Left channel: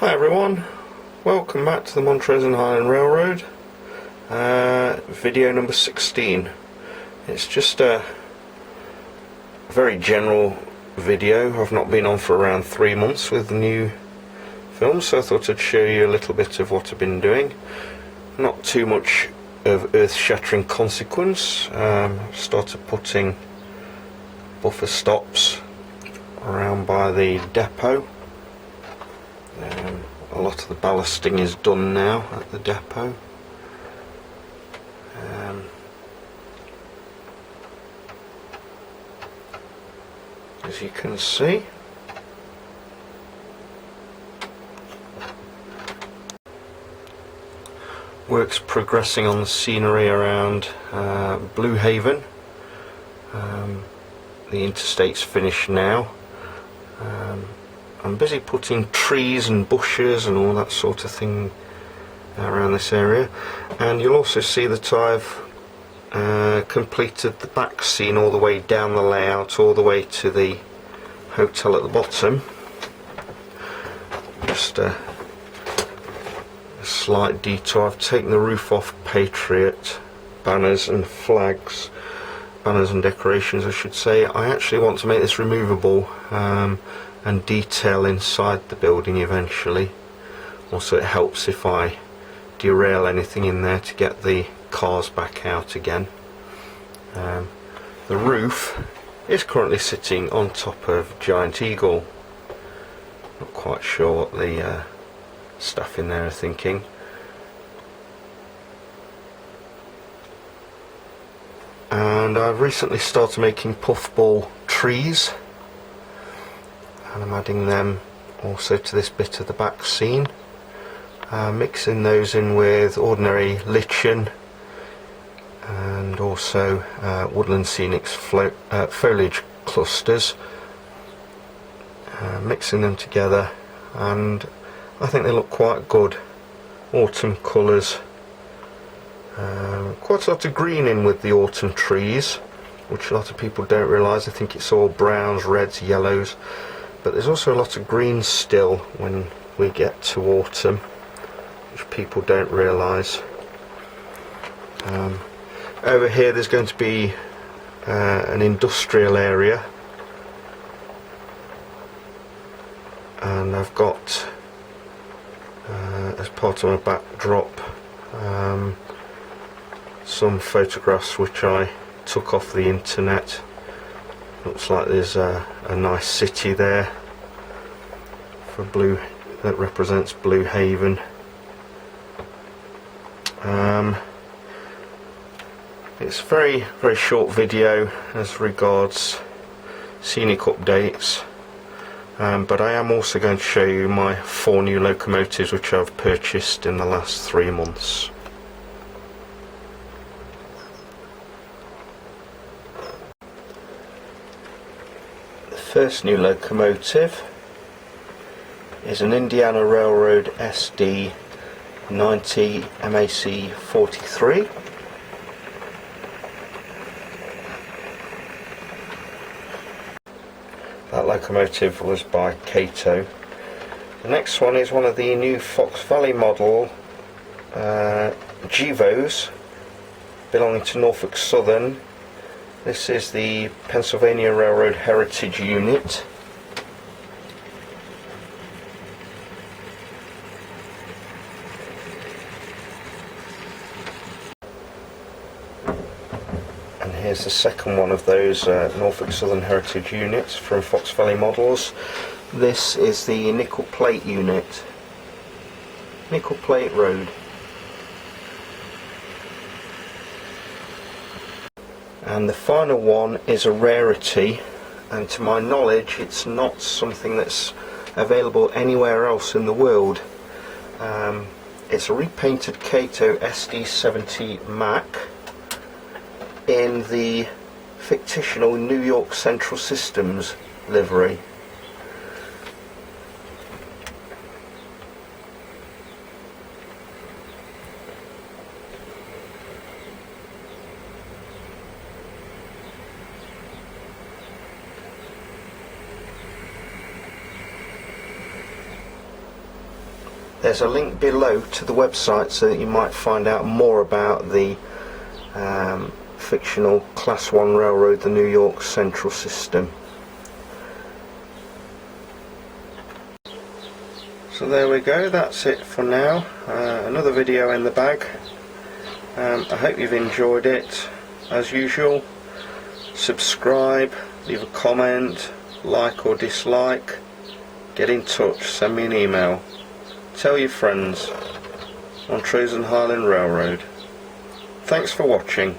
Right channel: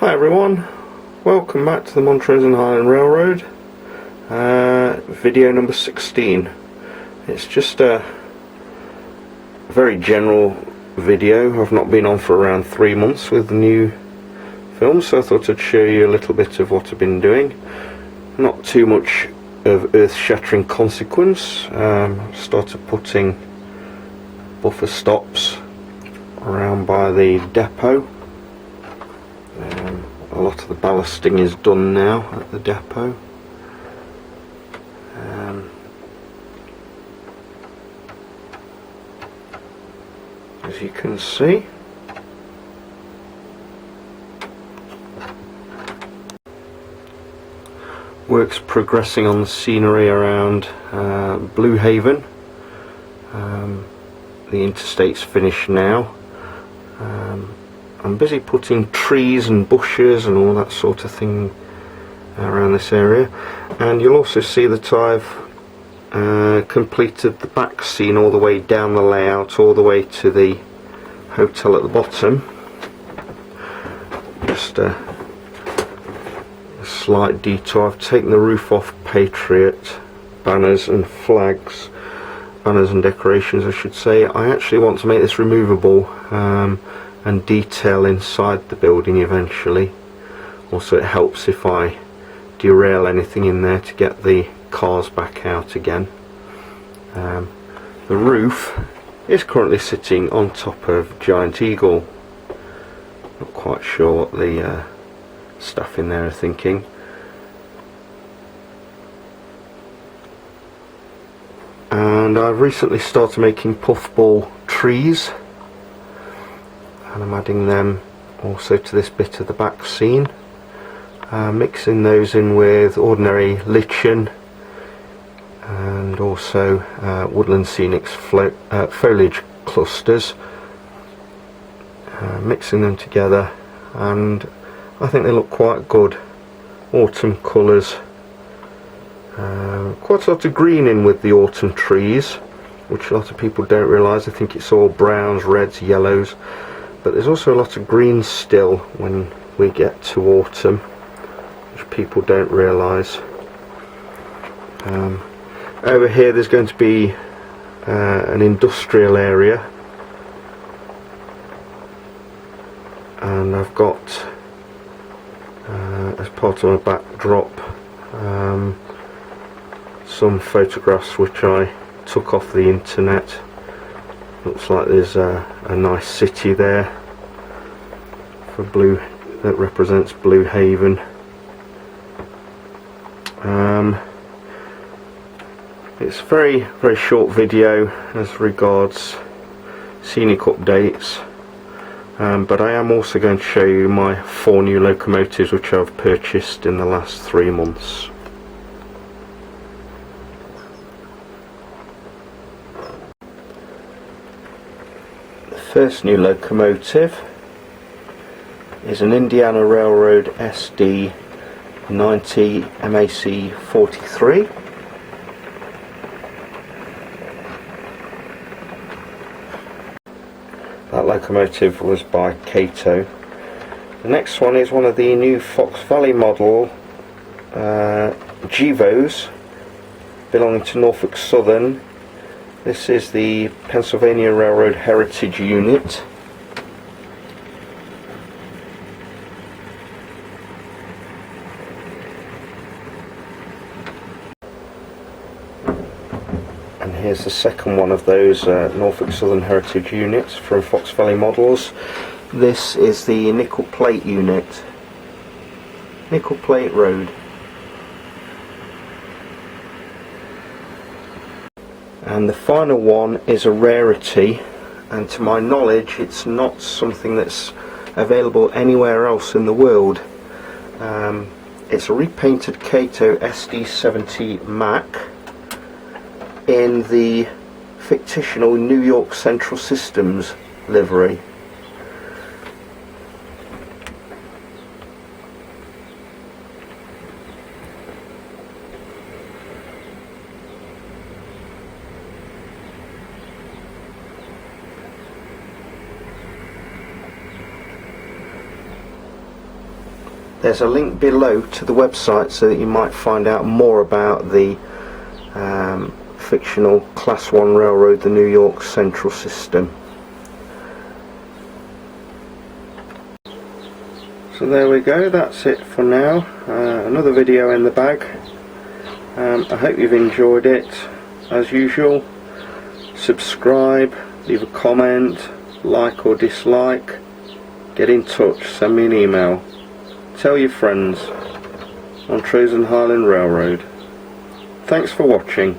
Hi everyone, welcome back to the Montrose and Highland Railroad, video number 16. It's just a very general video. I've not been on for around 3 months with the new film, so I thought I'd show you a little bit of what I've been doing. Not too much of earth-shattering consequence. Started putting buffer stops around by the depot. A lot of the ballasting is done now at the depot. As you can see, work's progressing on the scenery around Blue Haven. The interstate's finished now. I'm busy putting trees and bushes and all that sort of thing around this area, and you'll also see that I've completed the back scene all the way down the layout, all the way to the hotel at the bottom. Just a slight detour. I've taken the roof off Patriot banners and flags, banners and decorations I should say. I actually want to make this removable and detail inside the building eventually. Also, it helps if I derail anything in there to get the cars back out again. The roof is currently sitting on top of Giant Eagle. Not quite sure what the staff in there are thinking. And I've recently started making puffball trees, and I'm adding them also to this bit of the back scene, mixing those in with ordinary lichen and also woodland scenic foliage clusters, mixing them together, and I think they look quite good. Autumn colours, quite a lot of green in with the autumn trees, which a lot of people don't realise. I think it's all browns, reds, yellows, but there's also a lot of green still when we get to autumn, which people don't realise. Over here there's going to be an industrial area, and I've got as part of my backdrop some photographs which I took off the internet. Looks like there's a nice city there for Blue, that represents Blue Haven. It's a very short video as regards scenic updates, but I am also going to show you my 4 new locomotives which I've purchased in the last 3 months. The first new locomotive is an Indiana Railroad SD 90 MAC 43. That locomotive was by Cato. The next one is one of the new Fox Valley model Gevos belonging to Norfolk Southern. This is the Pennsylvania Railroad Heritage Unit. And here's the second one of those Norfolk Southern Heritage units from Fox Valley Models. This is the nickel plate unit, nickel plate road. And the final one is a rarity, and to my knowledge it's not something that's available anywhere else in the world. It's a repainted Cato SD70 Mac in the fictional New York Central Systems livery. there's a link below to the website so that you might find out more about the fictional Class 1 railroad, the New York Central System. So there we go, that's it for now. Another video in the bag. I hope you've enjoyed it. As usual, subscribe, leave a comment, like or dislike, get in touch, send me an email, tell your friends. Montrose and Highland Railroad. Thanks for watching.